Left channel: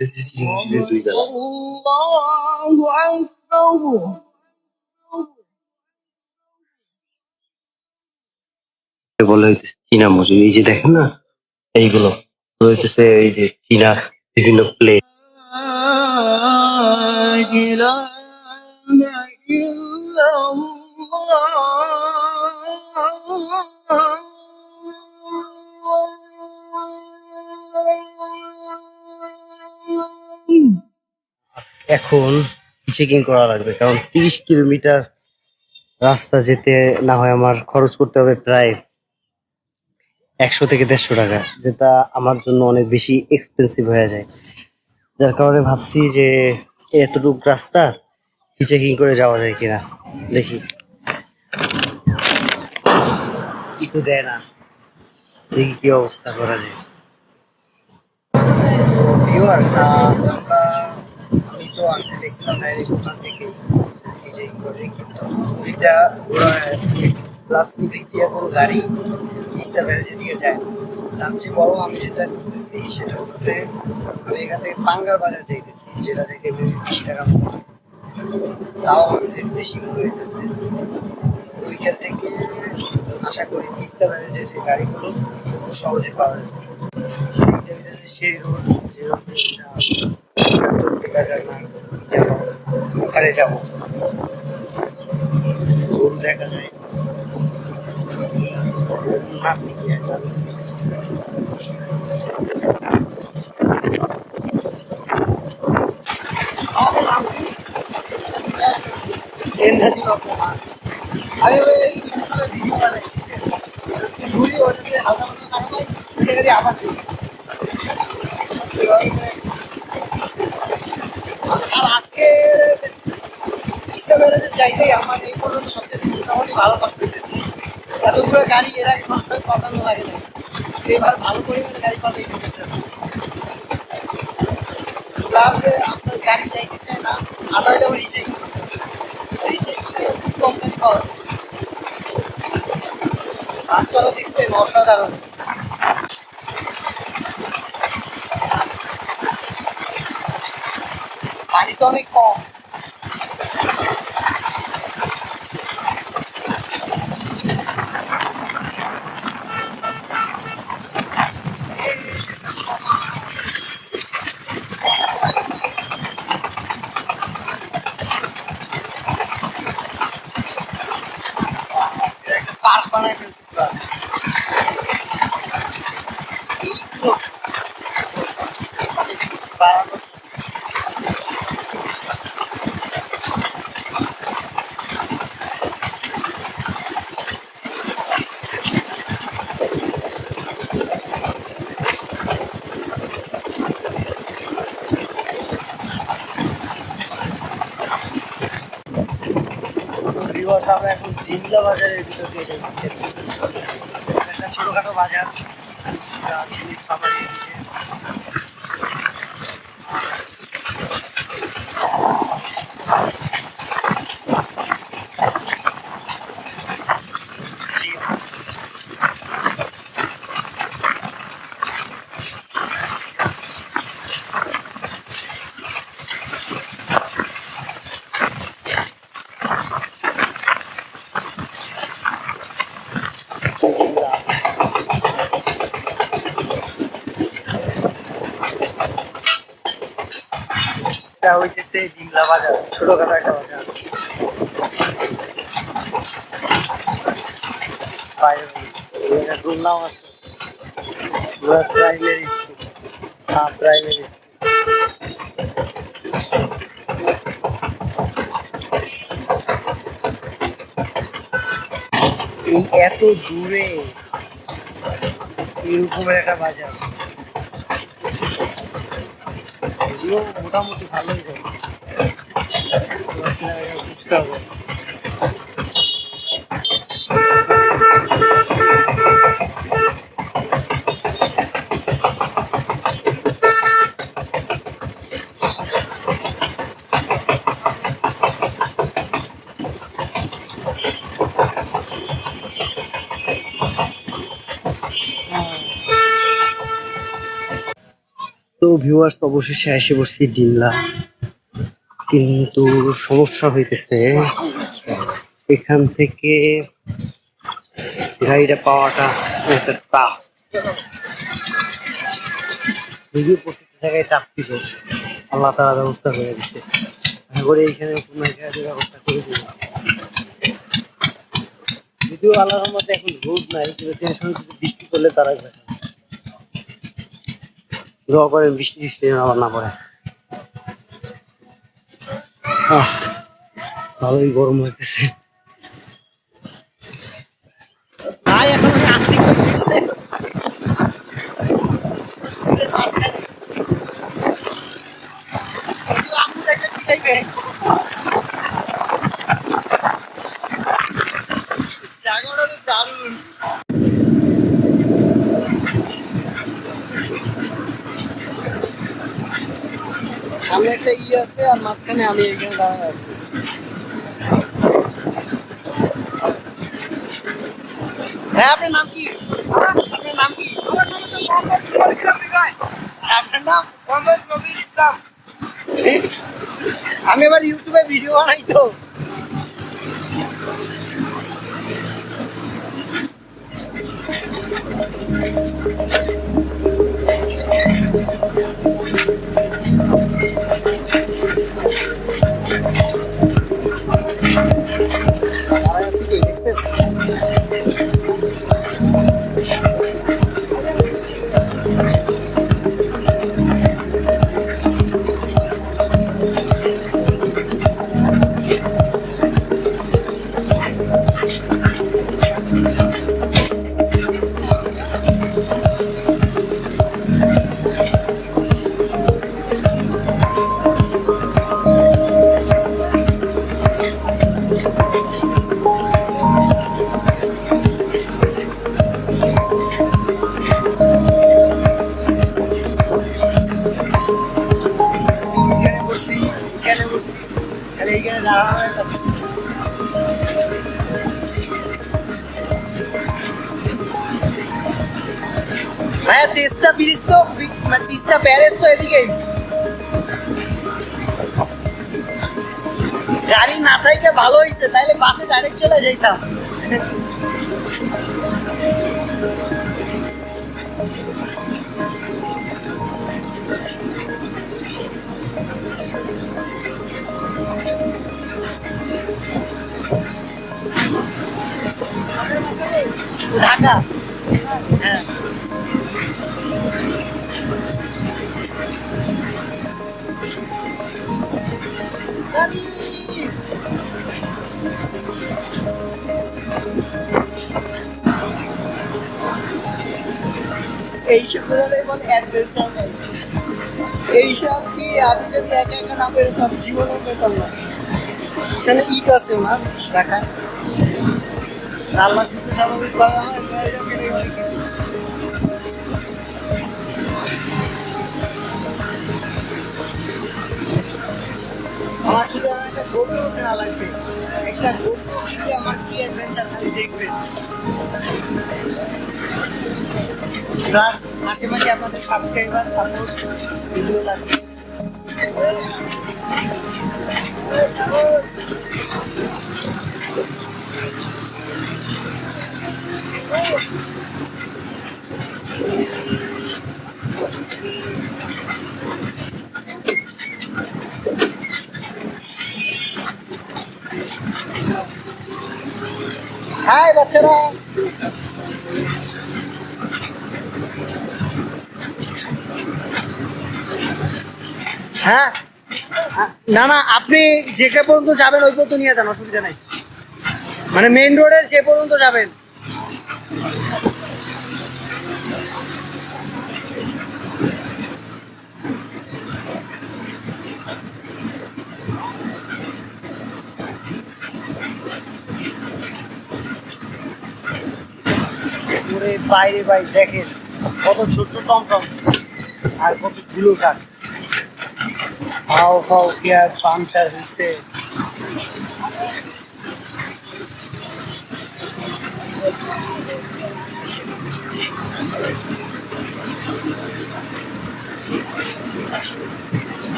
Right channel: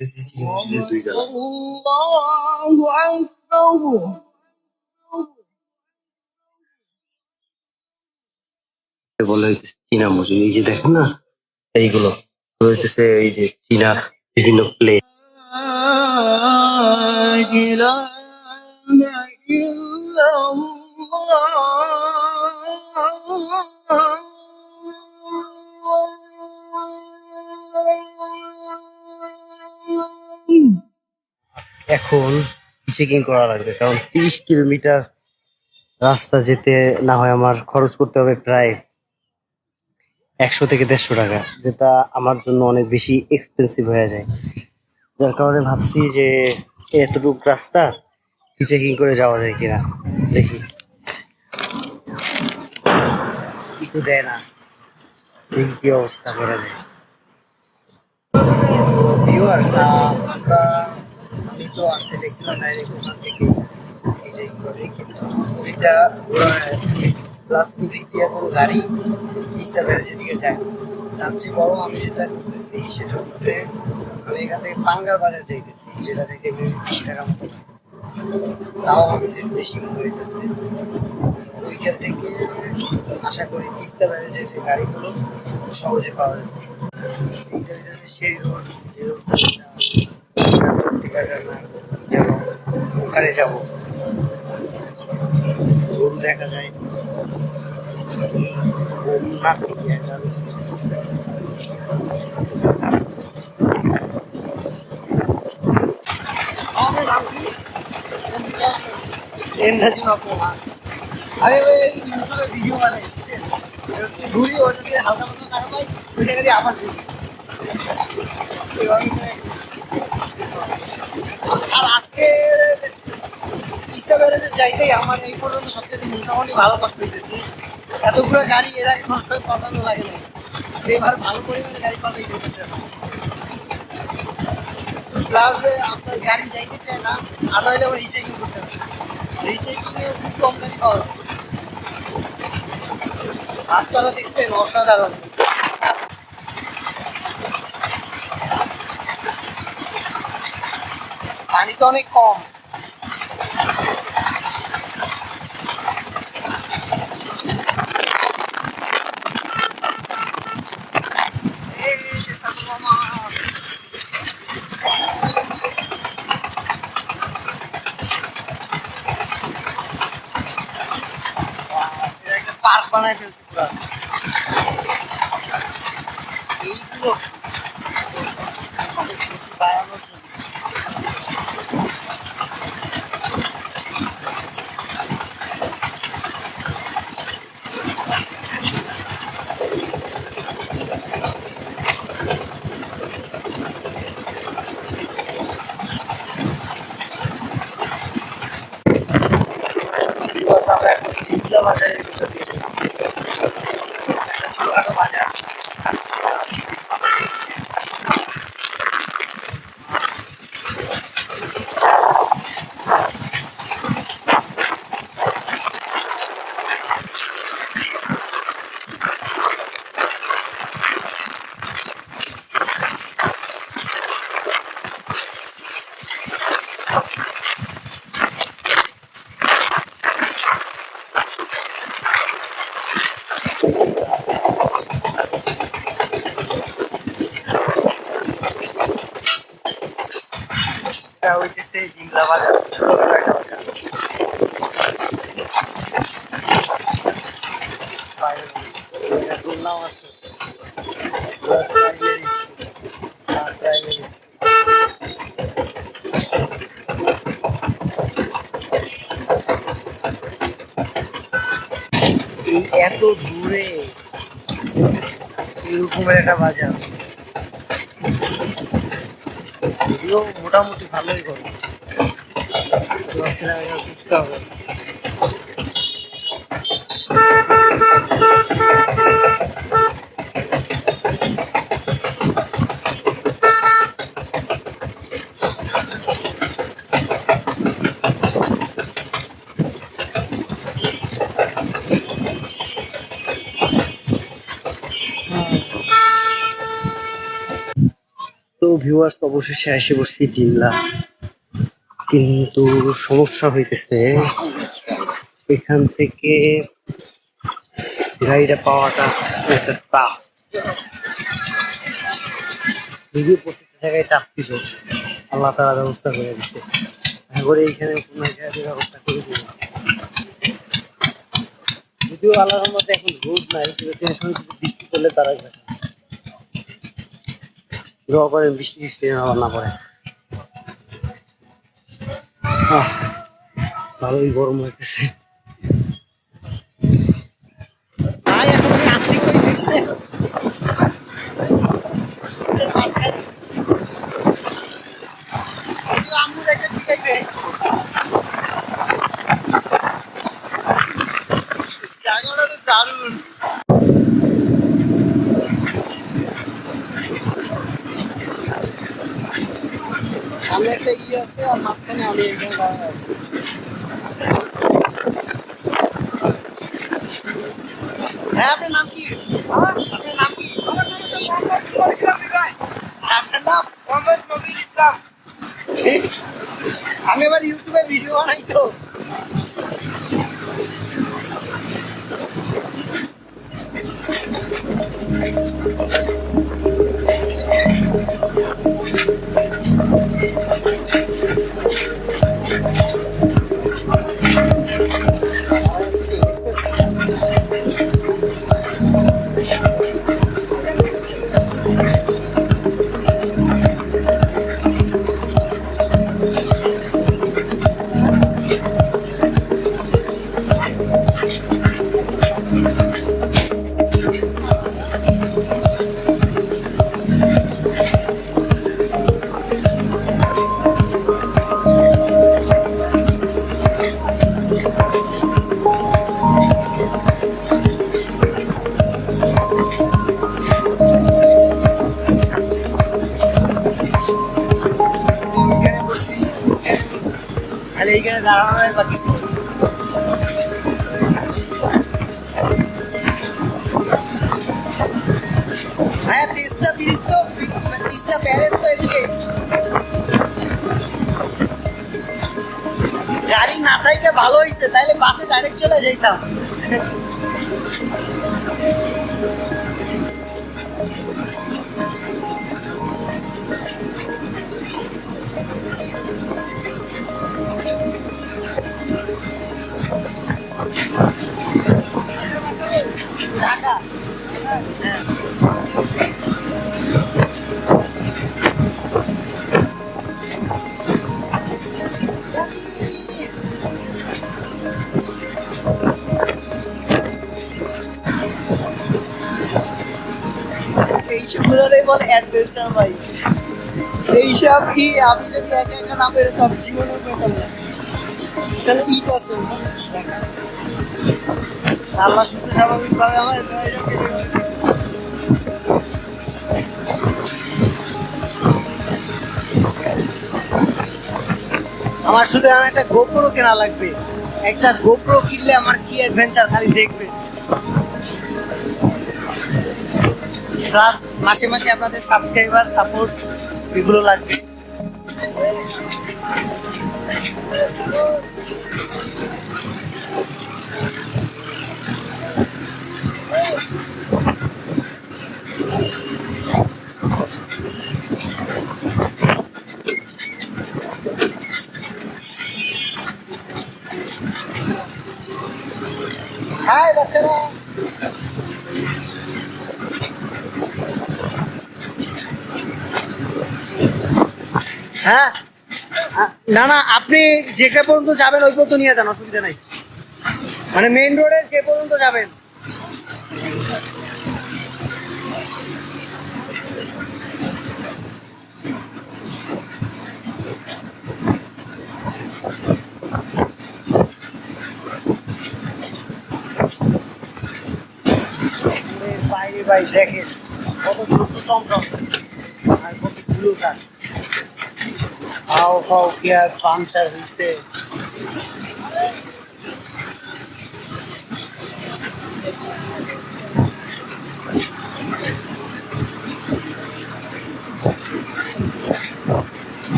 চিংড়ির দুই গালা বলে হইতেছে চীনা মুরগি। এই যে দেখেন না, এইগুলো হইতেছে এই যে চীনা বিভিন্ন প্লেট। এখন চেকিং করা লাগবে, কারণ 30 কিলোমিটার রাস্তা যেতে না হয় আমার খরচ করতে হবে প্রায় 100 থেকে 150 টাকা, যেটা আমার জন্য অনেক বেশি এক্সপেন্সিভ হয়ে যায়। যার কারণে ভাবছি যে এতটুকু রাস্তা চেকিং করে যাওয়া যায় কিনা, দেখি। কিন্তু দেয় না, দেখি কি অবস্থা করা যায়। ভিউয়ার্স, আমি তো আসতে চাইছিলাম ডাইরেক্ট ওখান থেকে চেকিং করে, কিন্তু ওইটা প্লাস ওদিক দিয়ে কোনো গাড়ি তিস্তা ব্যারেজের দিকে যায় না। তার চেয়ে বড় আমি যেটা করতেছি সেটা হচ্ছে, আমি এখান থেকে পাঙ্গার বাজার যাইতেছি, যেটা যাইতে 20 টাকা মতো লাগতেছে। তাও আমার কাছে একটু বেশি মনে হইতেছে। ওইখান থেকে আশা করি তিস্তা ব্যারেজের যে গাড়িগুলো খুব সহজে পাওয়া যাবে। এইটা হইতেছে সেই রোড, যে রোডটা চলতে বাজার না যাব, ওখানে যাবো। গরু দেখা যায়, গরু না দিয়ে আমি ইউটিউবে ভিডিও বানাইছি, ঘুরি ওটা দিয়ে হালকা পাতলা টাকা পাই, ওই টাকা দিয়ে আবার ঘুরি। আর আজকে তিস্তা ব্যারেজে যাইতেই আমার এই পর্যন্ত সবচেয়ে মোটামুটি ভালো কষ্ট হইতেছে। এতগুলো গাড়ি এর আগে কোনো সময় পাঠানো লাগে নাই, এবার ভালো পরিমাণে গাড়ি পাঠাই দিতেছে। প্লাস আপনার গাড়ি যাইতে চায় না, আর হইলে আবার রিচেকিং করতে হবে। রিচেকিংয়ে খুব কম গাড়ি পাওয়া যায়। রাস্তাটা দেখছেন অসাধারণ। পানি তো অনেক কম। একটা পার্ক বানায় ফেলছে পুরো। এইগুলো বাড়ানোর জন্য। আমরা এখন দিঘলা বাজারের ভিতর দিয়ে ঢুকছি। একটা ছোটখাটো বাজার, এটা হইতেছে দিঘলা বাজার, ছোটখাটো একটা বাজার। বাইরে দোলনাও আছে, প্রাইমারি স্কুল, প্রাইমারি স্কুল। এই এত দূরে এরকমের একটা বাজার, যদিও মোটামুটি ভালোই করে বুঝতে হবে। তো ভিউয়ার্স, অবশেষে এসে পড়ছি ডিমলা, কিন্তু সমস্যা হইতেছে এখান থেকে গাড়িটা পাওয়াটা একটা টাফ। যদিও প্রত্যেকটা জায়গায় টাফ ছিল, আল্লাহ তাআলা ব্যবস্থা করে দিচ্ছে। আশা করি এইখানে কোনো এক জায়গায় ব্যবস্থা করে দিবে। যদিও আল্লাহর রহমতে এখন রোদ নাই, কিন্তু টেনশন যদি বৃষ্টি করলে তারাই বেটার। দোয়া করেন বৃষ্টি টিষ্টি আবার না পড়ে। ভালোই গরম লাগতেছে। দারুণ। সামনে একটা আছে আর মাঝখানে আমি এখানে দাঁড়ায় আছি। হ্যাঁ, আপনার নাম কি? আপনার নাম কি? আমার নাম হচ্ছে মোহাম্মদ সুমন ইসলাম বিজয়। আপনার নাম? মোহাম্মদ নবীর ইসলাম। আমি আবার ইউটিউবে ভিডিও বানাই তো। এইখানে দাঁড়ানোর বাকি ছিল। ভাইয়া তিস্তা ব্রিজ তো, তিস্তা ব্যারেজ তো এদিকে। গাড়ি না থাকলে ভালো হয়েছে, তাইলে বাসে ডাইরেক্ট চলে যাইতাম। ঢাকা, হ্যাঁ। এইসব গুলোই বলে অ্যাডভেঞ্চার ভাই। এইসব কি আমি যদি একা একা না বেরোতাম জীবনেও পেতাম না। এখানে ইট আছে না ঢাকা, আল্লাহ শুধু স্বাভাবিকভাবে আমার কিছু। আমার শুধু আমার একটা গোপ্রো কেনা লাগবে। একটা গোপ্রো কিনলে আমার কি অ্যাডভেঞ্চার খালি দেখবে। প্লাস মাসে মাসে আপনাদের সাবস্ক্রাইবার সাপোর্ট এগুলো লাগবে। হাই বাচ্চারা, হ্যাঁ না না, আপনি যেখানে পর্যন্ত যাবেন ওই পর্যন্ত নিয়ে যান, অসুবিধা নাই। মানে মেইন রোডের যে পর্যন্ত যাবেন। বাইরে ভাই দেখেন কত ছোট্ট টমটম আর কত ধুলো কাঠ। ফাও ফাও কি আর পাংচার হয়েছে।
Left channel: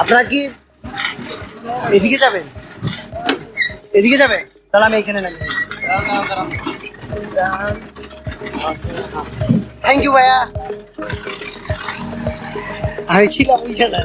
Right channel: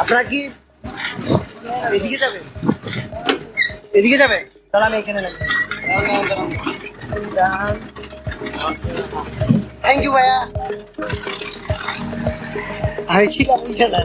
আপনারা কি এদিকে যাবেন? এদিকে যাবেন? তাহলে আমি এখানে নামি। থ্যাংক ইউ ভাইয়া। আমি ছিলাম ওইখানে।